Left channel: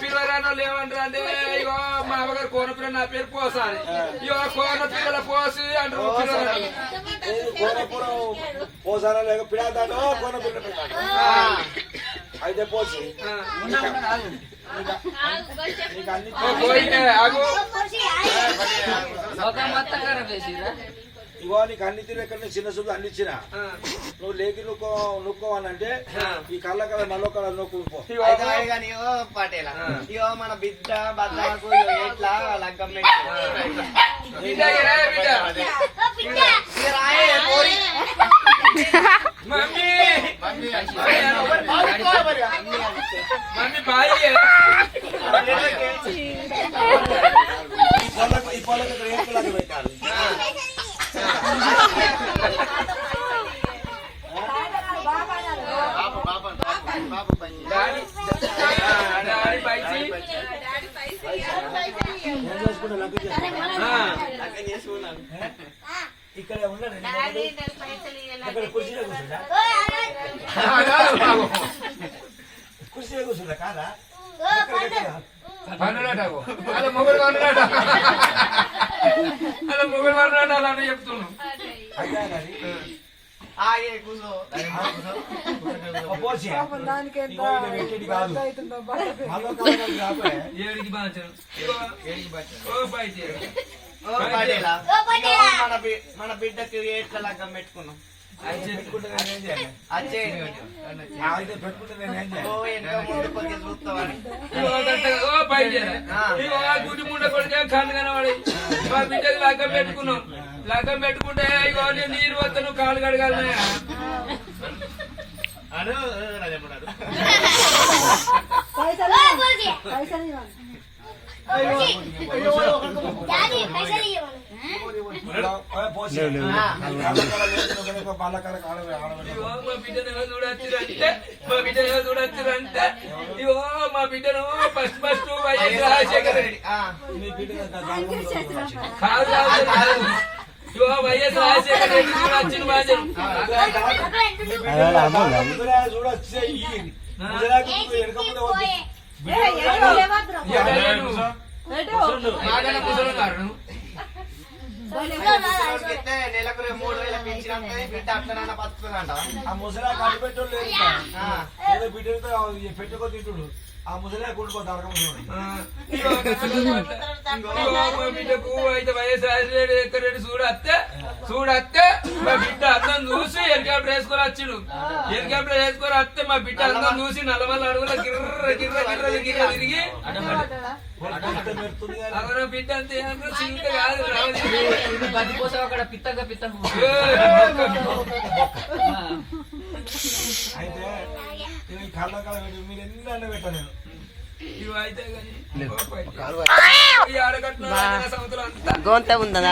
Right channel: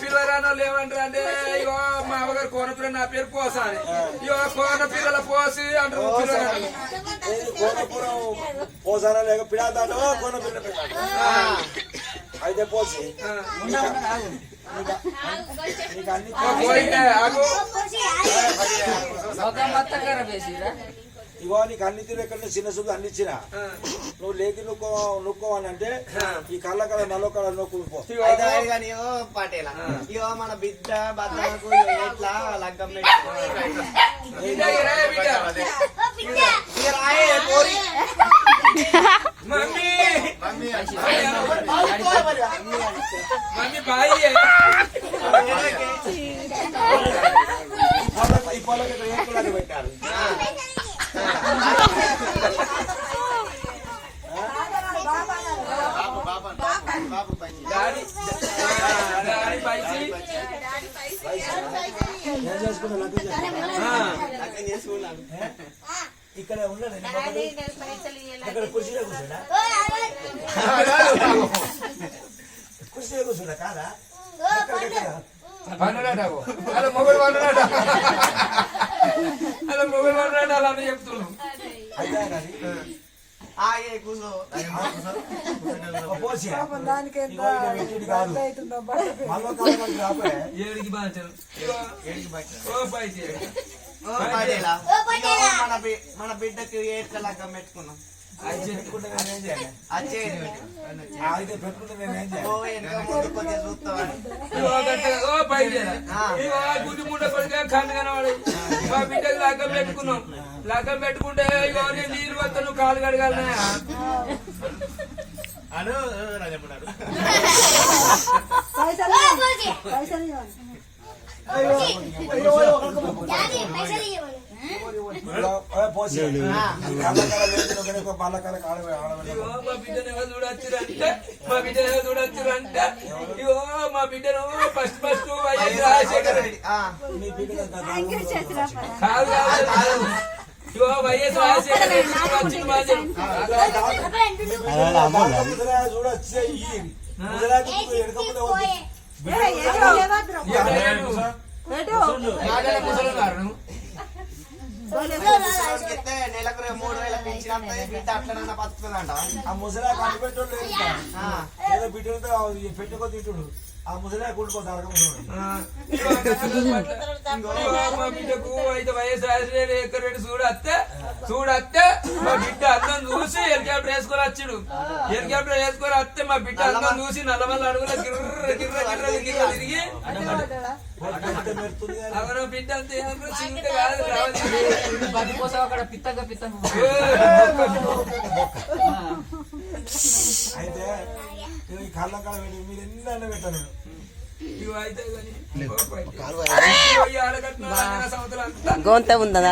పిల్లరానో లేవంటారు అంటే ఇగో మా అమ్మగారు కోన పిల్ల నా పేరు పోసా అని ఇగో కోన పిల్లల పోసి అంటారు పోసారా లేక పిడాదాటో కోన పిల్ల అయితే పోసి. నీకు అన్ని మొత్తం ఖరాబ్ చేసిరా ఇగో నీకు అన్ని తిరిగి ఎక్కడ చిన్న సుద్దు అన్ని ఇచ్చిన. నువ్వు లేకి నుక్కో నుక్కోవాలంటే ఈ కళ్ళ కళ నల్ల కళ ఇగో పటేలా. ఇగో మన బిడ్డ బద్దలకు ఎట్లా లగ్గం పెట్టి. బిడ్డ ఇరా బిడ్డ? ఇక రాయే పోరి. మమ్మీ. Mummy mummy bye. ఈ పొలం ఇక్కడ ఏకులాగా పెట్టాలి? ఇక్కడ ఉన్నాడు ఇక్కడ కుర్చీలో కూర్చోడా కుర్చీలో కూర్చోడా కాదా పండులాటావు అలా మొగలు పండులాట అలా మొగలు పండులాట అలా కానీ ఆగే ఈడ పెట్టేది కాదు. ఏడికి ఓ ఓ పటేలా ఇగో మన బిడ్డకి లగ్గం పెట్టుకున్నాం. గుడి ముండ కొడితే కన్ను కనబడి మా బిడ్డకి లగ్గం పెట్టుకున్నాం. లగ్గం పెట్టుకుంటే ఇగో నేను నీరు వస్తా నువ్వు కాలు కడగాలనే. అను రాజమ్మన్నాడు మా బిడ్డను ఎవరు చూడొచ్చురంటే మా బిడ్డను ఎవరు చూడొచ్చురంటే ఇగో మా బిడ్డను first first YS Rajasekhar Reddy. కాదు కాదు, వైఎస్ రాజశేఖర రెడ్డి చూడొచ్చే ఇస్తే నెలకు మూడు వేల పెంచిన బిడ్డ అట్లనన్నా బతుకుతుందంట. ఆ ముసలా లేదు. ఏదో పెట్టుకో తింటుడు. ఆ ముసలా ముసలి మా అయితే చూడత్తే చూడత్తే మా బిడ్డ అందం చూసి హెలికాప్టర్ వేసుకొని వచ్చిడు. హెలికాప్టర్ వేసుకొని వస్తే మా బిడ్డ అందం చూసి నల్లమల్ల అడుగుల గిర్ర గిర్ర తిరిగి బిడ్డ అంతే కాదు అక్కడ పిత్తగా పిత్త అయితే కళ్ళ కళ పెట్టి మీరు ఎన్ని అన్న పెట్టాను నేను. ఇవి అయితే కానీ సంవత్సరం అంతా. గొంత ఉందా?